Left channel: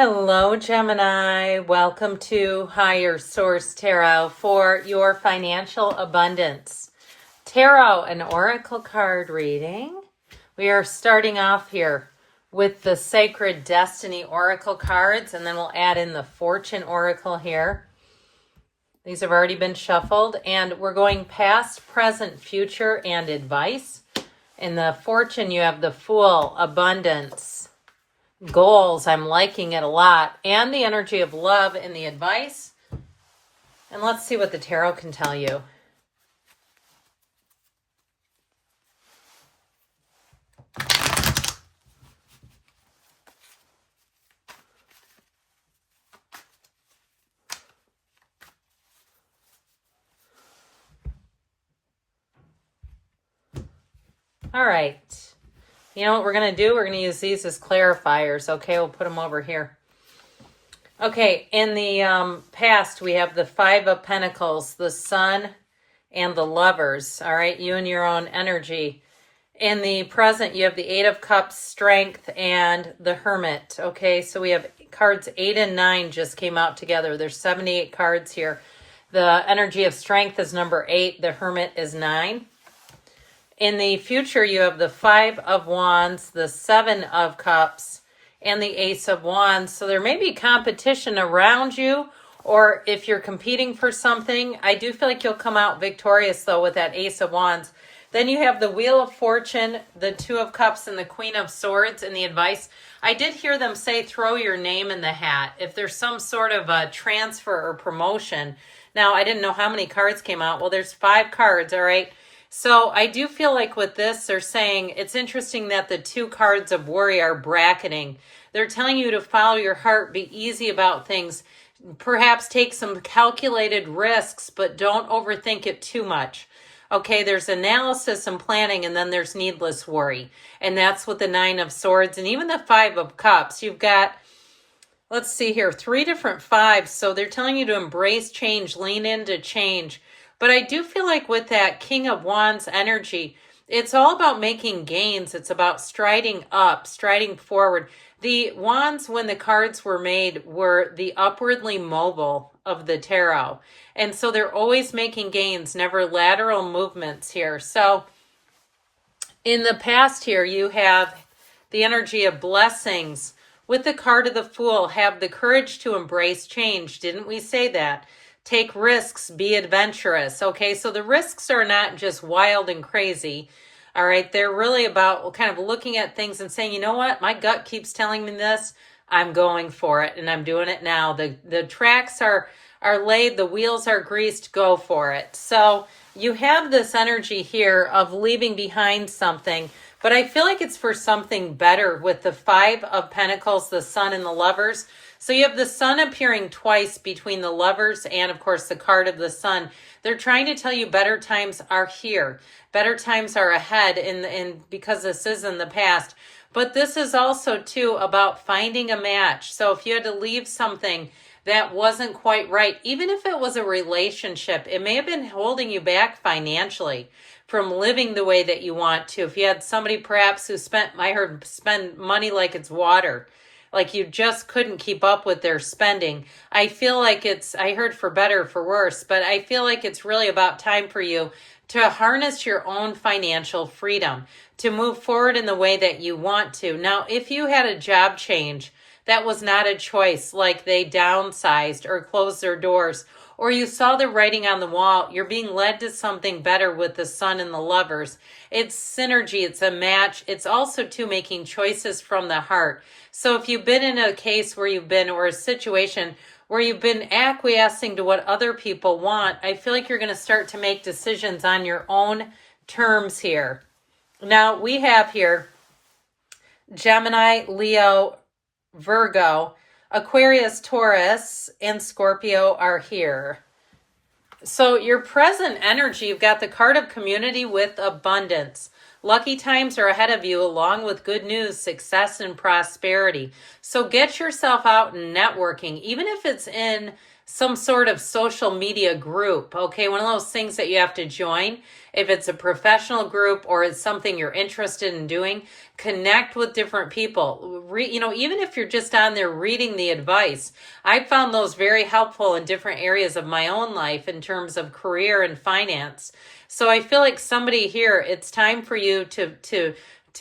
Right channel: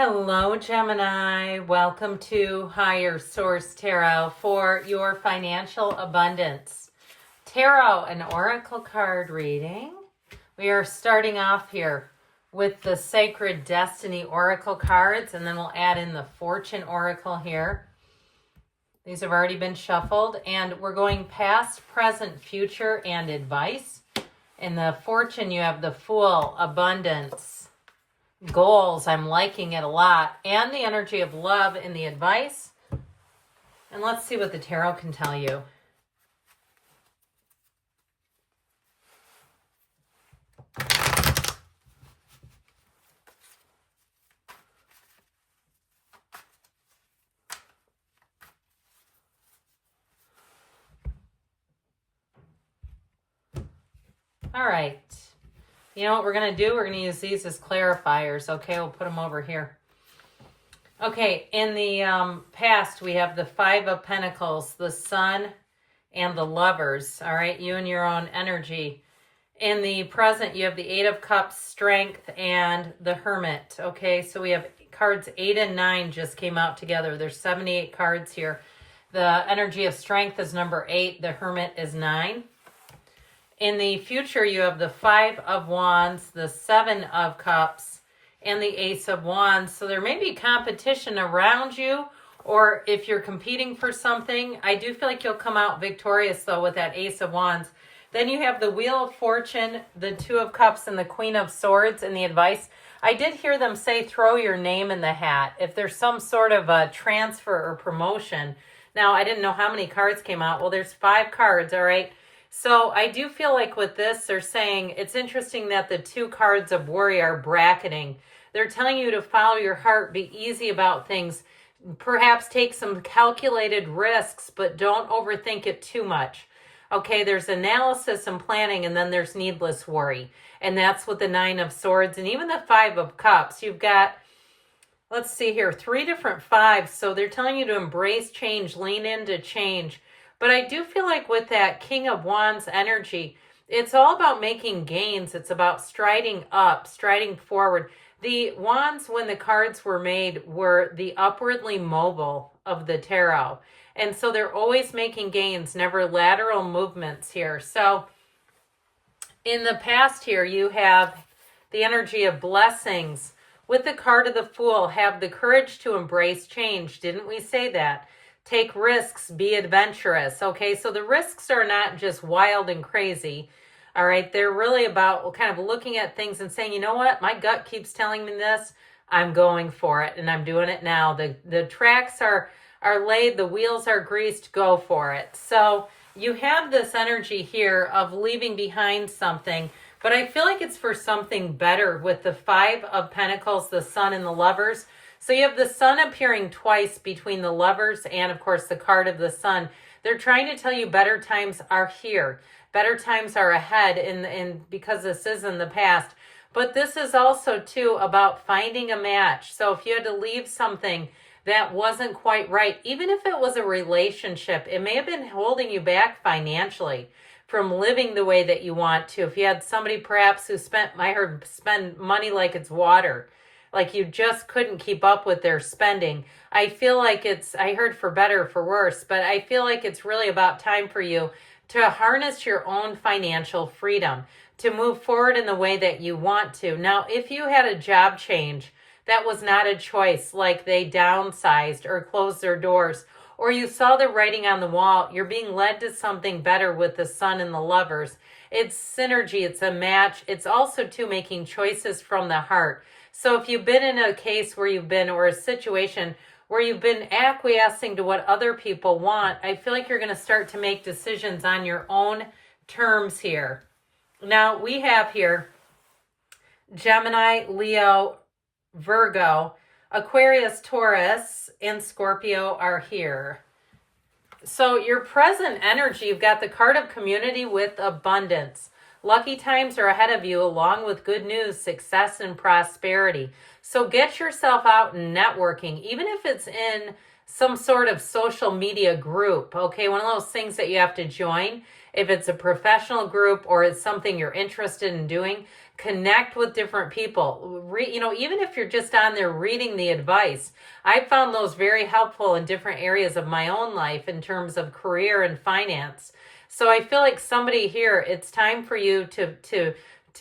Hello, Gemini. Welcome to Higher Source Tarot for your financial abundance. Tarot and Oracle card reading. We are starting off here with the Sacred Destiny Oracle cards, and then we'll add in the Fortune Oracle here. These have already been shuffled, and we're going past, present, future, and advice. In the Fortune, you have the Fool, Abundance, Goals, I'm liking it a lot, and the energy of love in the advice. And let's see what the tarot can tell you. All right. You know what we're going to do? We're going to use these as clarifiers. Okay, we'll put them over here. Okay, in the past, we have the Five of Pentacles, the Sun, and the Lovers. All right, you and your own energy. In the present, you have the Eight of Cups, Strength, and the Hermit. Okay, so we have cards 8 and 9 just came out together. There's 78 cards here. The energy of Strength is number 8. The Hermit is 9. In the future, you have the Five of Wands, the Seven of Cups, and the Ace of Wands. So there may be competition around you, or if you're competing for something. I do feel like you'll come out victorious, though, with that Ace of Wands. Then you have the Wheel of Fortune, the Two of Cups, and the Queen of Swords in the advice. I did hear them say throw your name in the hat if there's some sort of a transfer or promotion. Now, I didn't know how many cards came out. Well, there's 5 cards, all right? So I do feel like with this, they're saying it's interesting that the 2 cards of worry are bracketing. They're telling you to follow your heart, be easy about things, perhaps take some calculated risks, but don't overthink it too much. Okay, there's analysis and planning, and then there's needless worry. And that's with the 9 of Swords and even the 5 of Cups. You've got, let's see here, 3 different 5s. So they're telling you to embrace change, lean into change. But I do feel like with that King of Wands energy, it's all about making gains. It's about striding up, striding forward. The wands, when the cards were made, were the upwardly mobile of the tarot. And so they're always making gains, never lateral movements here. So in the past here, you have the energy of blessings. With the card of the Fool, have the courage to embrace change. Didn't we say that? Take risks, be adventurous. Okay, so the risks are not just wild and crazy. All right, they're really about kind of looking at things and saying, you know what, my gut keeps telling me this. I'm going for it, and I'm doing it now. The tracks are laid, the wheels are greased, go for it. So you have this energy here of leaving behind something, but I feel like it's for something better with the 5 of Pentacles, the Sun, and the Lovers. So you have the Sun appearing twice between the Lovers and, of course, the card of the Sun. They're trying to tell you better times are here. Better times are ahead because this is in the past. But this is also, too, about finding a match. So if you had to leave something that wasn't quite right, even if it was a relationship, it may have been holding you back financially from living the way that you want to. If you had somebody perhaps who spend money like it's water, like you just couldn't keep up with their spending. I feel like I heard for better, for worse, but I feel like it's really about time for you to harness your own financial freedom, to move forward in the way that you want to. Now, if you had a job change, that was not a choice, like they downsized or closed their doors, or you saw the writing on the wall, you're being led to something better with the Sun and the Lovers. It's synergy, it's a match. It's also, too, making choices from the heart. So if you've been in a case where or a situation where you've been acquiescing to what other people want, I feel like you're going to start to make decisions on your own terms here. Now, we have here Gemini, Leo, Virgo, Aquarius, Taurus, and Scorpio are here. So your present energy, you've got the card of community with abundance. Lucky times are ahead of you, along with good news, success, and prosperity. So get yourself out and networking, even if it's in some sort of social media group, okay? One of those things that you have to join. If it's a professional group or it's something you're interested in doing, connect with different people. Even if you're just on there reading the advice, I found those very helpful in different areas of my own life in terms of career and finance. So I feel like somebody here, it's time for you to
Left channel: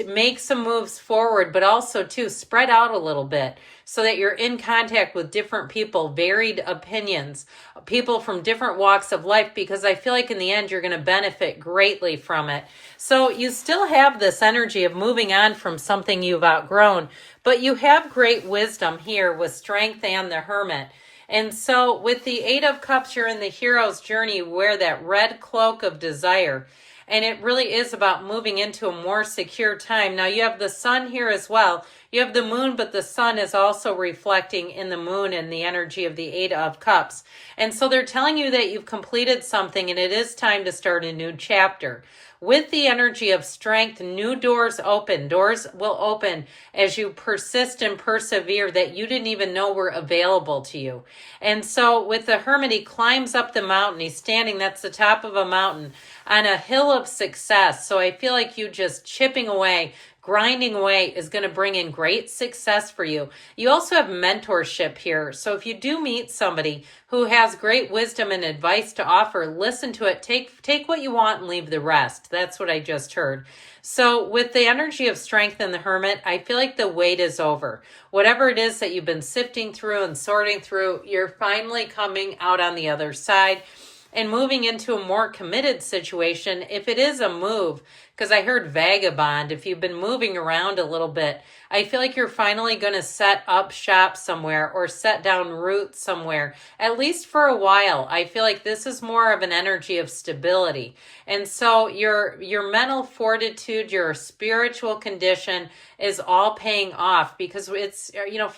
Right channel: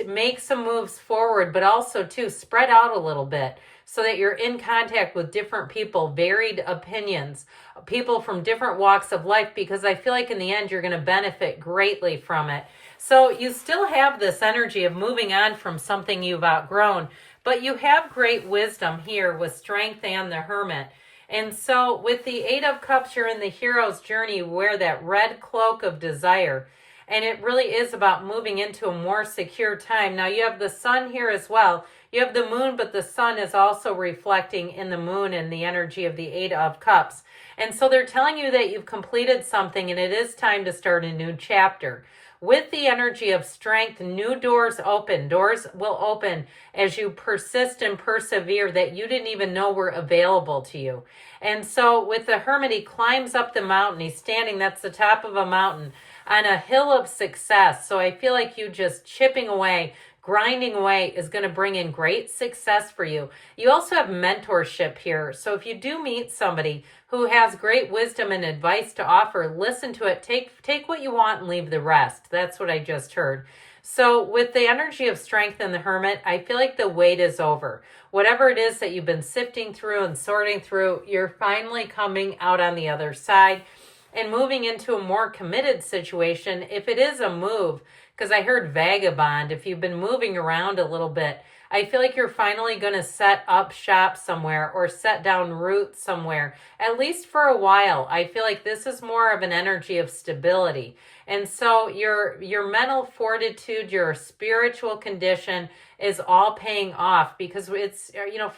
make some moves forward, but also to spread out a little bit so that you're in contact with different people, varied opinions, people from different walks of life, because I feel like in the end, you're going to benefit greatly from it. So you still have this energy of moving on from something you've outgrown, but you have great wisdom here with Strength and the Hermit. And so with the Eight of Cups, you're in the hero's journey, you wear that red cloak of desire. And it really is about moving into a more secure time. Now you have the sun here as well. You have the moon, but the sun is also reflecting in the moon and the energy of the Eight of Cups. And so they're telling you that you've completed something and it is time to start a new chapter. With the energy of strength, new doors open. Doors will open as you persist and persevere that you didn't even know were available to you. And so with the Hermit, he climbs up the mountain. He's standing, that's the top of a mountain, on a hill of success. So I feel like you just chipping away, grinding away is going to bring in great success for you. You also have mentorship here. So if you do meet somebody who has great wisdom and advice to offer, listen to it. Take what you want and leave the rest. That's what I just heard. So with the energy of strength and the Hermit, I feel like the wait is over. Whatever it is that you've been sifting through and sorting through, you're finally coming out on the other side and moving into a more committed situation. If it is a move, because I heard vagabond, if you've been moving around a little bit, I feel like you're finally going to set up shop somewhere or set down roots somewhere, at least for a while. I feel like this is more of an energy of stability. And so your mental fortitude, your spiritual condition is all paying off because it's,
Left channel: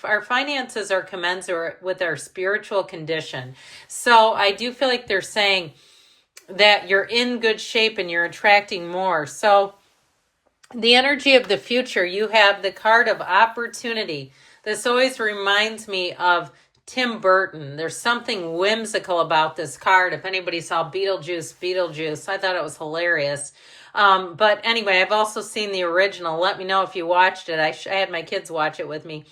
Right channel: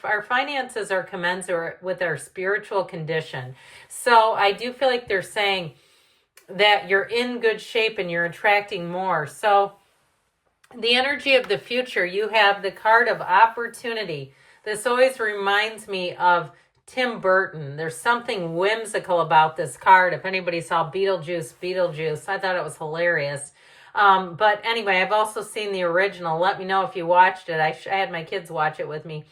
our finances are commensurate with our spiritual condition. So I do feel like they're saying that you're in good shape and you're attracting more. So the energy of the future, you have the card of opportunity. This always reminds me of Tim Burton. There's something whimsical about this card. If anybody saw Beetlejuice, I thought it was hilarious. But anyway, I've also seen the original. Let me know if you watched it. I had my kids watch it with me.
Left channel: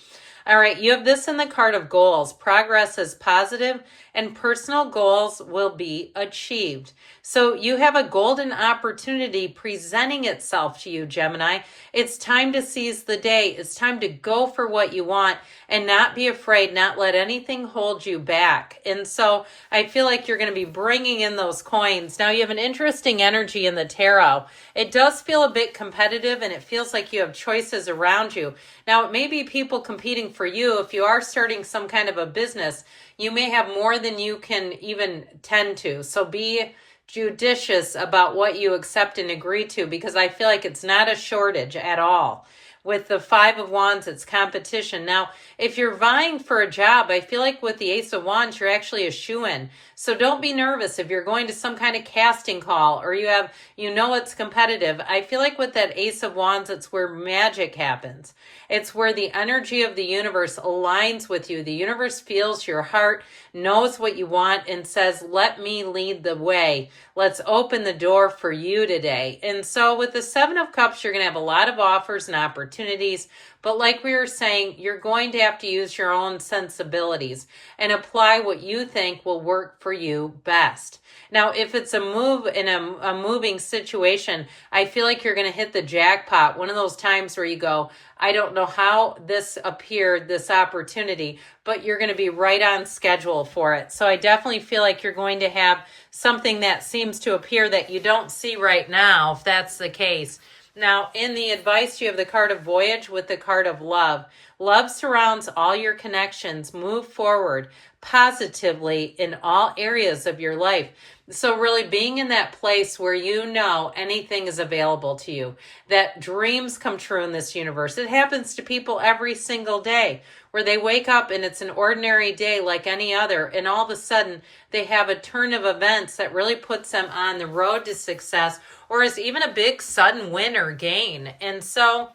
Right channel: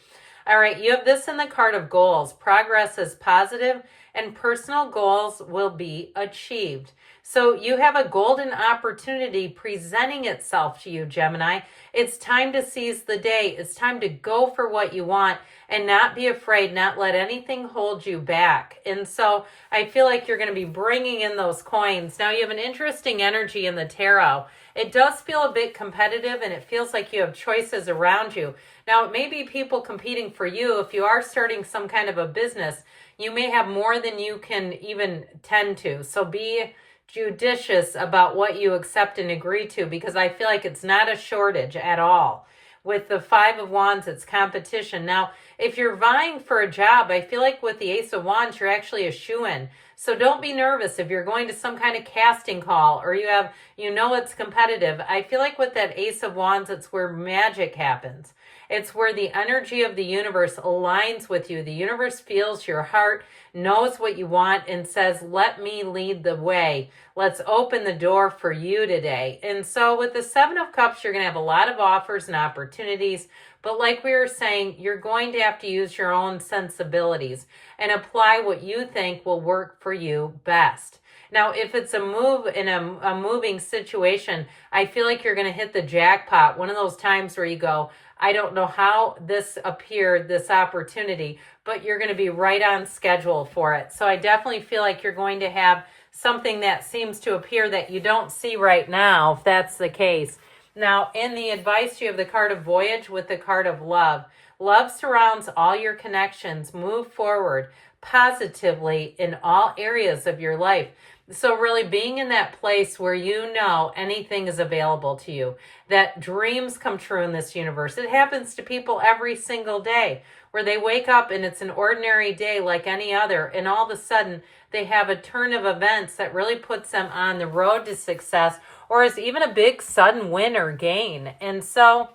All right, you have this in the card of goals. Progress is positive and personal goals will be achieved. So you have a golden opportunity presenting itself to you, Gemini. It's time to seize the day. It's time to go for what you want and not be afraid, not let anything hold you back. And so I feel like you're going to be bringing in those coins. Now you have an interesting energy in the tarot. It does feel a bit competitive and it feels like you have choices around you. Now it may be people competing for you. If you are starting some kind of a business, you may have more than you can even tend to. So be judicious about what you accept and agree to, because I feel like it's not a shortage at all. With the Five of Wands, it's competition. Now, if you're vying for a job, I feel like with the Ace of Wands, you're actually a shoo-in. So don't be nervous if you're going to some kind of casting call or it's competitive. I feel like with that Ace of Wands, it's where magic happens. It's where the energy of the universe aligns with you. The universe feels your heart, knows what you want, and says, let me lead the way. Let's open the door for you today. And so with the Seven of Cups, you're going to have a lot of offers and opportunities. But like we were saying, you're going to have to use your own sensibilities and apply what you think will work for you best. Now, if it's a move in a moving situation, I feel like you're going to hit the jackpot. One of those times where you go, I don't know how this appeared, this opportunity, but you're going to be right on schedule for it. So I definitely feel like you're going to have something that seems to appear that you don't see right now, if that's the case. Now, in the advice, you have the card of voyage with the card of love. Love surrounds all your connections. Move forward positively in all areas of your life. So really being in that place where you know anything is available to you, that dreams come true in this universe. It happens to people every single day where they wake up and it's an ordinary day like any other, and all of a sudden they have a turn of events that really puts them on the road to success, or is even a big sudden win or gain. And so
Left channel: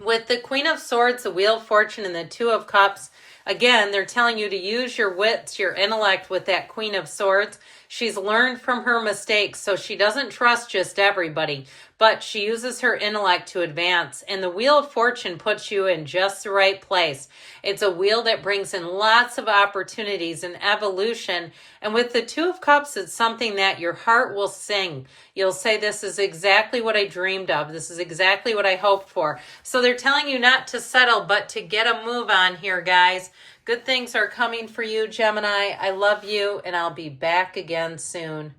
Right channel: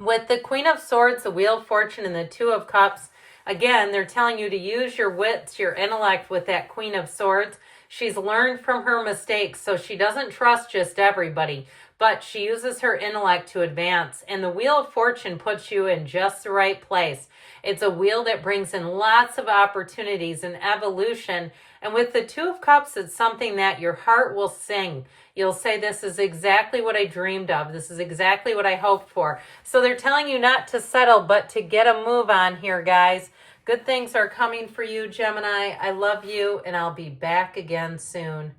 with the Queen of Swords, the Wheel of Fortune, and the Two of Cups, Again, they're telling you to use your wits, your intellect with that Queen of Swords. She's learned from her mistakes, so she doesn't trust just everybody, but she uses her intellect to advance. And the Wheel of Fortune puts you in just the right place. It's a wheel that brings in lots of opportunities and evolution. And with the Two of Cups, it's something that your heart will sing. You'll say, this is exactly what I dreamed of. This is exactly what I hoped for. So they're telling you not to settle, but to get a move on here, guys. Good things are coming for you, Gemini. I love you, and I'll be back again soon.